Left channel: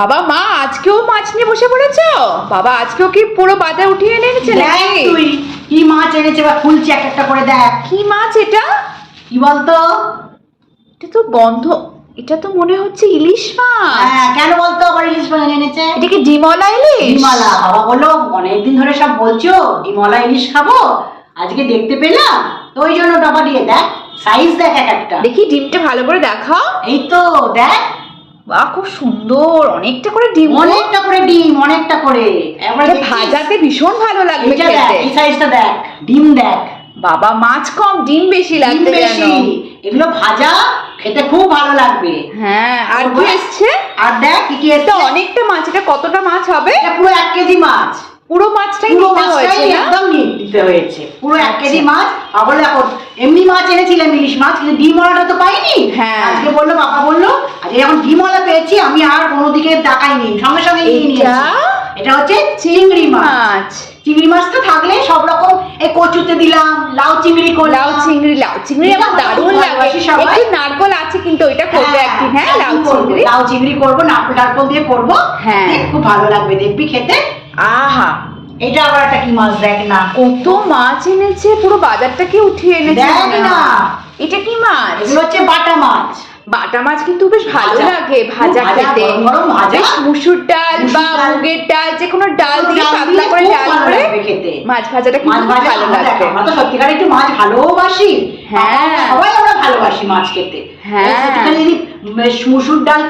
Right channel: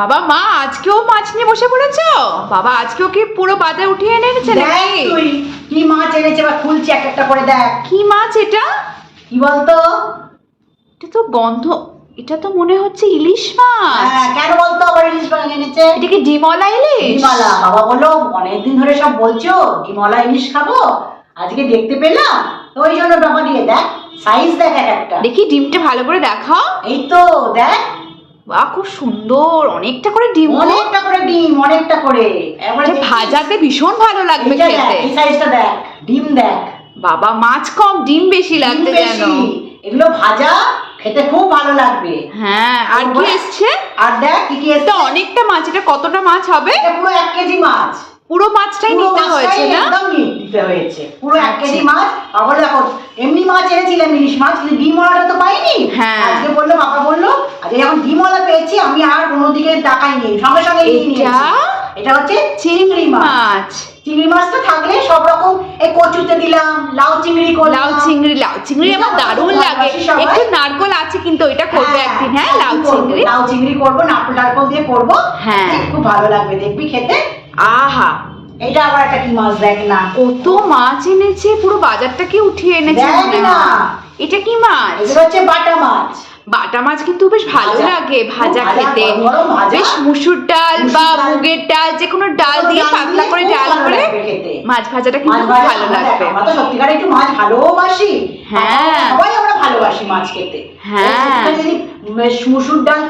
বাবা মা আজকেও মাছ নিয়ে বসে পড়েছো? বাবা আজকেও কি পুরো বাজার উঠিয়ে এনেছে নাকি? তুই কি মাছ এনেছে বা খুলছে এক একটা করে দেখ। কি মাছ এটা? কি বলতো? এটা তো গন্ধ, এটা তো মনে হচ্ছে ইলিশ মাছ। হ্যাঁ, কেন বলতো আবার ইলিশ মাছ এনেছে? এটা কি ডিমলা ইলিশ? ডিমলা। বাবা বললো অনেকদিন ধরে সব বলছো ডিমলা ইলিশ খাবো, আজকে দেখতে পেলাম তো ওই জন্য বাবা দিয়ে দেখ, সাইজ দেখ এক একটা। দেখি ডিমটা ভালো করে দেখাও। এই তো দেখ, বাহ খুব সুন্দর, অনেকটা করে ডিম। অনেকটা করে ডিম, অনেকটা করে। এটা ভাজাতে ভীষণ ভালো লাগবে এইটা দেখ, খেতে। এই সাইজটা দেখ, ডিম দেখ। বাবা মাছ কম ডিম বেশি ডিম লাগবে যেন। বেশি, এগুলো ভাজা খেতে খুব ভালো লাগবে। হ্যাঁ, আর কি এসছে? আর দেখ কি কি এসছে। এটা অনেকটা মাছ, এটা কতটা মাছ হবে? এটা পুরো 1 কেজি মাছ। পুরো মাছটাই পুরো নিতে হয়েছে মাছটাই না? একদম নিতে হয়েছে, পুরো 1 আচ্ছা। কেজি মাছ। আবার দেখো এমনি মাছ এনেছিলাম ইলিশ মাছ, কিন্তু ডিমওয়ালাটা তো পাইনি। হ্যাঁ। আজকে বললো, বাবা বললো আজকে যখন ডিমওয়ালা পেয়েছি আমি আর কোনো দিকে তাকাইনি, সঙ্গে সঙ্গে নিয়ে নিয়েছি। এটা হচ্ছে চিংড়ি মাছ। চিংড়ি মাছটা থাকলে সব রকম, এই কচুতে দিলাম, লাউ চিংড়ি করলাম। লাউ চিংড়ি আমার দারুণ লাগে। একটু নারকোল আছে কিন্তু ওইটা করবো একদিন। হ্যাঁ, লাউ চিংড়ি করবো, নারকোল দিয়ে করবো। হ্যাঁ, খুব ভালো লাগবে দেখবি খেতে। আহা, এটা আবার একটা কি মাছ দেখ না, কত মাছ এনেছে, পুরো বাজারটাকে উঠিয়ে এনেছে দেখ মনে না। হয়। এটা কি মাছ? এগুলো হচ্ছে বাটা মাছ। বাটা মাছ কিন্তু বেশ ভালো ভাজা, লাগে ভাজা খুব ভাজা, খেতে। গরম গরম ভাজা। বেশ মুসুর ডাল বা মুসুর ডাল, মুগের ডাল, যে কোনো ডাল দিয়ে পাতলা করে খুব ডাল ভালো করে লাগবে খেতে। মাছ ভাজাটা কিন্তু খুব ভালো লাগবে। আমরা তো সত্যিকার একটু মাছ ভালোবাসি। হ্যাঁ। সবাই আমরা ভালোবাসি মাছ খেতে। হ্যাঁ। একটুখানি যদি মুসুর ডাল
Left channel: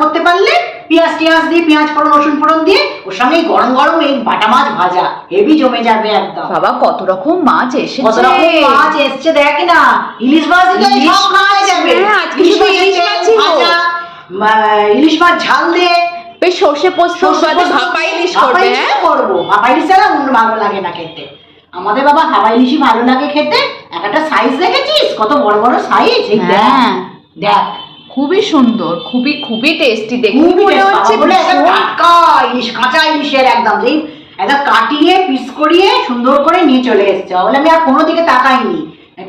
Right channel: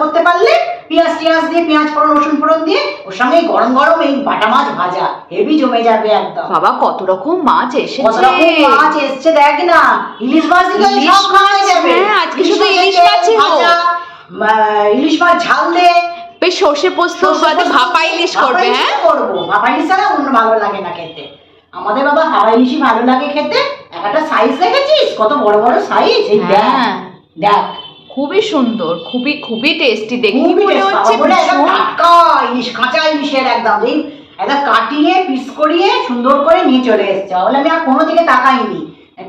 করতে পারলে, পেঁয়াজ দিয়ে, পেঁয়াজ ফোড়ন, রসুন ফোড়ন দিয়ে, ওর সঙ্গে গরম গরম এই বাটা মাছ ভাজা হেভি জমে যাবে একদম। বাবা কত রকম মাছ কত এসেছে। রকম মাছ এসছে দেখ না। ইলিশ মাছ দিলে সব খাওয়া যাবে। হ্যাঁ, আজকে শুধু ইলিশ মাছই হোক। ইলিশ মাছ ঝাল দে, বেশ সর্ষে পোস্ত বাদে ভাপা ইলিশ করবে। হ্যাঁ করবো, ভাপা ইলিশ ছাড়া অন্য ভালো লাগে না খেতে। আমাদের বাবা ভাপা ইলিশই ভালো লাগে খেতে। একটা সাইজ দেখেছিস কত বড় বড় সাইজ? এই দেখ দেখ, খুবই সুন্দর, খুবই খুবই টেস্টি। দেখি খুবই মনে হচ্ছে টাটকা ইলিশ, কাঁচা ইলিশের একদম কাটিয়ে পিস করিয়ে সুন্দর করে নিয়ে চলে এসছে। বলে আমি আর কোনো দিকে তাকাইনি,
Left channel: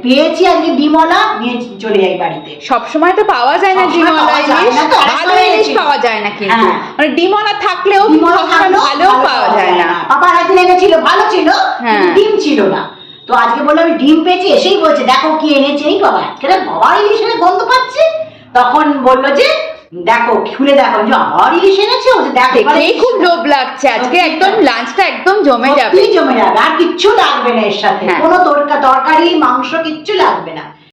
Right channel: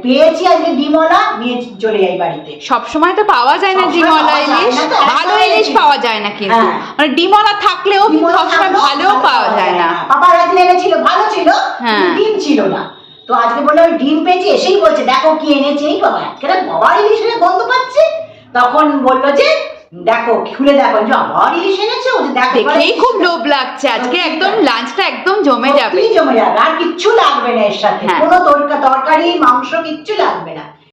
পেয়েছি আজকে ডিমওয়ালা, নিয়ে চলে যাই বাড়িতে। সবসময় তো পাওয়া যায় না ডিমওয়ালা ইলিশ, ভালো ইলিশ পাওয়া যায় না কিন্তু। মানে ডিমওয়ালা থাকলেও সবসময় ভালো পাওয়া যায় না। পাপা একদিন এনেছিল, ভালো ছিল, ডিম ছিল না। তো আজকে বললো আমি ডিম পেয়েছি, এসেই বলছে দেখো কি এনেছে। এই বাবা আজকে বাবার ইলিশের গন্ধ পাচ্ছে। তখন বললো যে দেখো খুলে দেখো, যে আবার ইলিশ এনেছে। ও যে দেখো, দেখেই খুব লোভ লাগছে। আজকে একদম লাঞ্চটা একদম জমে যাবে। জমে যাবে, আর কিচ্ছু লাগবে না এর সাথে। কোনো তরকারি মাংস কিচ্ছু লাগবে না।